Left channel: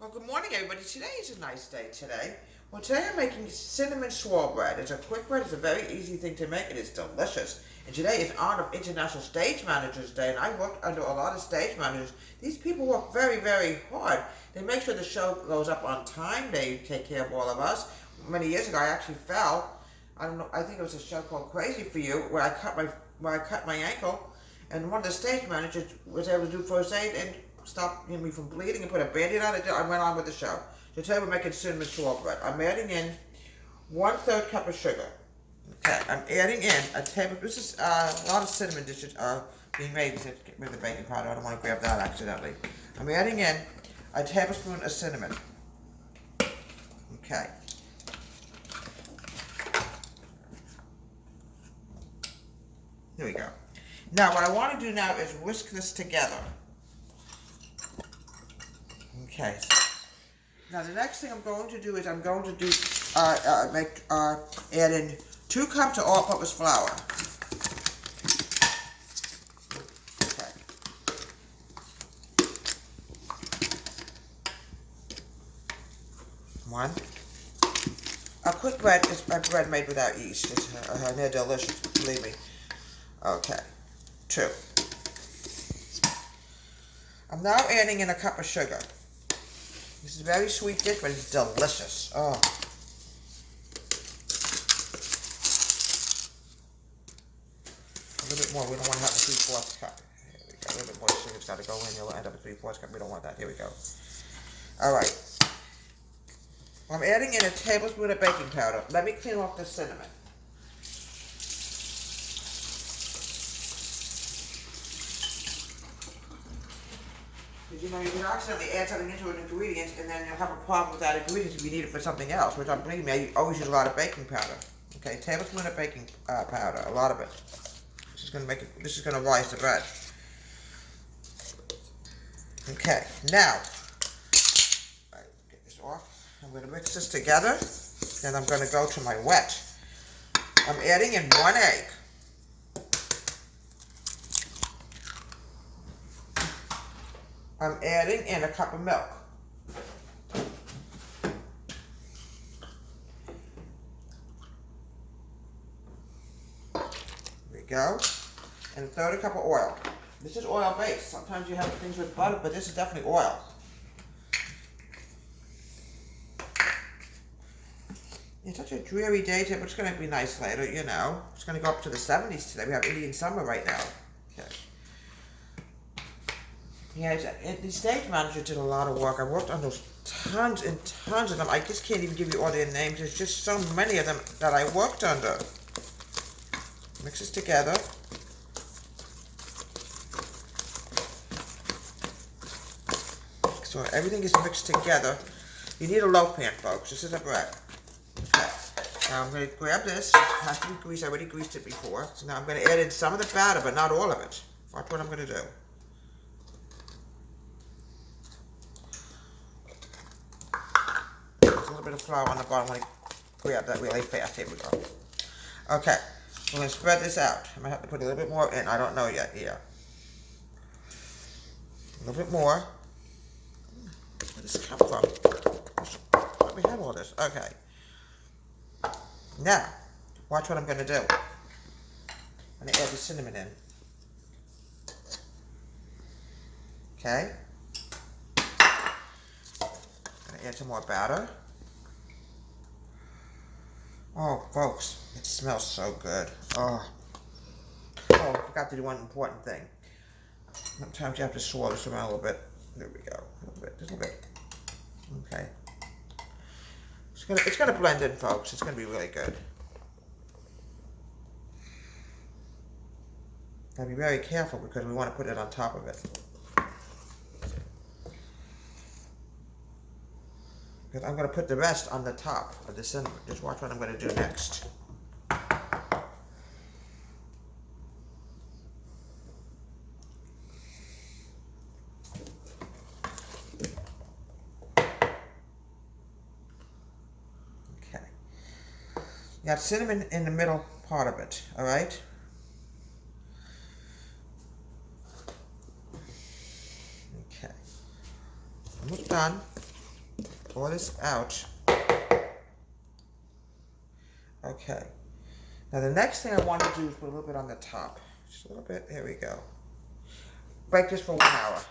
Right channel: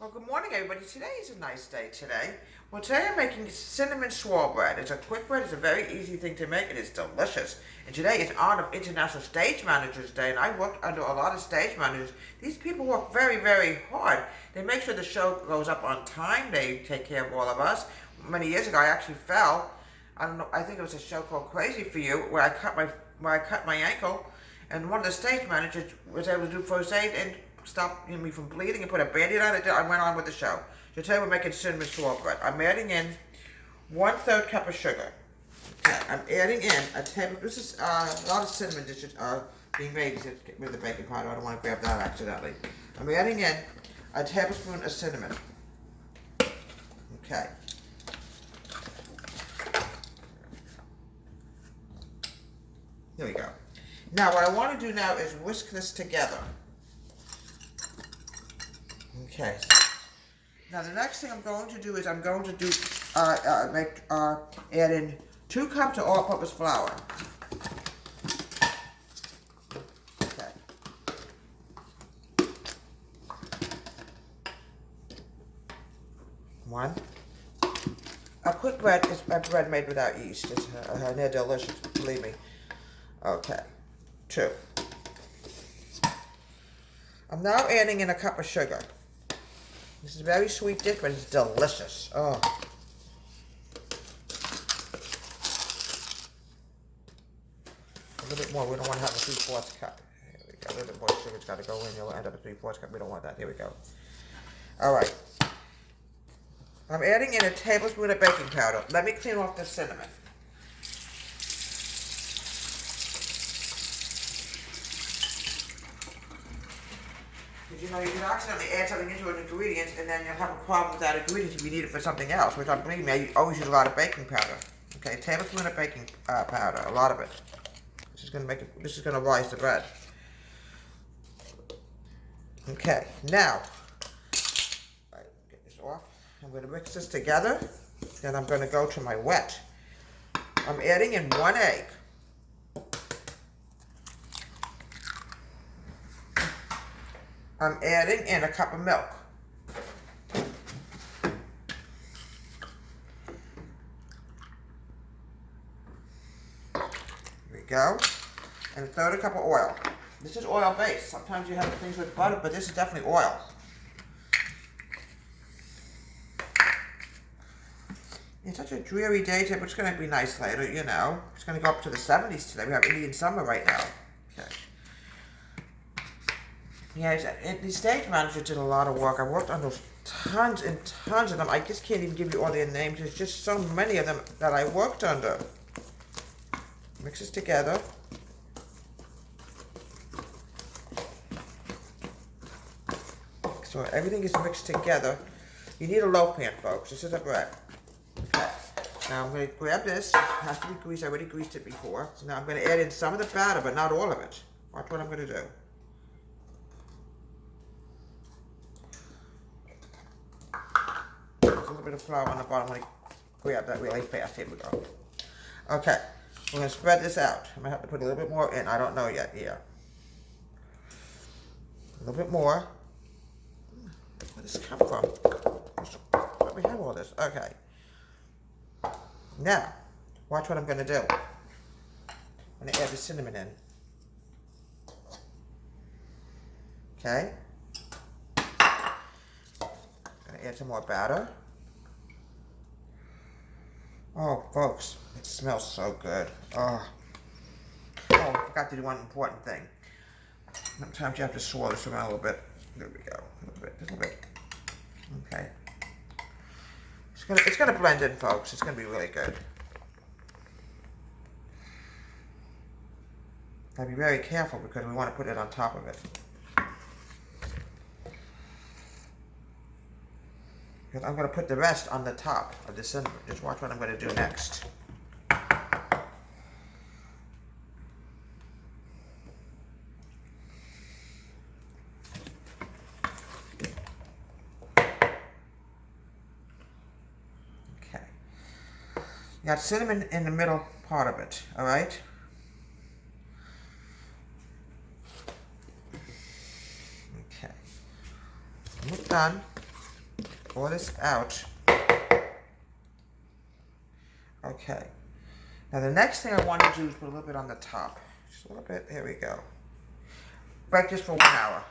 Well, good morning, everybody. Today is a nice day today. Well, today I'm making cinnamon swirl bread. It's a quick bread. It's a very easy thing to make. It is delicious. And today is on of International Stage Managers Day, and I worked under a lot of stage managers. These people work very, very hard. They make sure the show goes up on time. They take care of all of us. Many years ago, I actually fell. I don't know. I think it was a show called Crazy for You, where I cut my ankle, and one of the stage managers was able to do first aid and stop me from bleeding and put a band-aid on it. I went on with the show. So today we're making cinnamon swirl bread. I'm adding in 1/3 cup of sugar. Okay, I'm adding in a table. This is a lot of cinnamon dishes are being made. Get rid of the baking powder. I don't want to grab that accidentally. I'm adding in a tablespoon of cinnamon. Okay. Here we go. Now what I want to do now is whisk this together. Okay. Now the next thing I'm going to do is add in 2 cups of all-purpose flour. Okay. One. A quick bread is a bread made without yeast. They're delicious, believe me. Okay. 2. I'm now adding in a cup of sugar. This is a very sweet dish, but it's delicious. Oh. A little bit more. We don't want to have a 3/4 cup. Here we go. A little bit more sugar's got to go in. You'll end up with 3/4 cup. We don't want that. Here we go. All right. I'm adding in a tablespoon of baking powder. Let me clean off the cinnamon. You know, you can accidentally add something into an ingredient, and then you'll have a problem with that ingredient if you need it for something else, which I believe me, I always use a lot of baking powder. Okay, a tablespoon of baking powder, a lot of it. This is going to rise the bread. Okay, now, get this off. I'm going to mix this together, and I'm going to go to my wet. I'm adding in 1 egg. I'm adding in a cup of milk. Here we go. And 1/3 cup of oil. This is oil based. Sometimes you have things with butter, but this is definitely oil. It's such a dreary day today, but it's going to be nice later, you know. It's going to go up to the 70s today. We have Indian summer right now. Okay. Yeah, the stage manager did a lot of work. I worked under tons and tons of them. I just can't even give you all their names. There's just so many of them that I worked under. Mix this together. So everything is mixed together. You need a loaf pan, folks. This is a bread. Okay. Now I'm going to grab this. It has to be greased. I already greased it before. So now I'm going to add in some of the batter, but not all of it. Watch what I'm going to do. A little bit of flour on the bottom. I'm going to grab that really fast. Here we go. Okay, we're going to spread this out. I'm going to have to put a little bit more in. I don't know yet here. A little bit more. Where did this come from? Let me have all this. Okay. Now, watch what I'm going to do. I'm going to add the cinnamon in. Okay. I'm going to add some more batter. Oh, folks, it smells so good. Oh, I forgot to do one important thing. Sometimes you have to swirl this around a little bit. There we go. A little bit, just a little bit. Okay. It's gonna blend in, folks. It's gonna be really good. Gotta be very careful because we want to put it on top of it. Because I'm going to put the rest on the top of the cinnamon. Just watch what I'm going to do next. Okay. You got cinnamon in the middle part of it, all right? Okay. Almost done. pour this out. Okay. Now the next thing I want to do is put a little bit on the top. Just a little bit. Here we go. Bake this for 1 hour.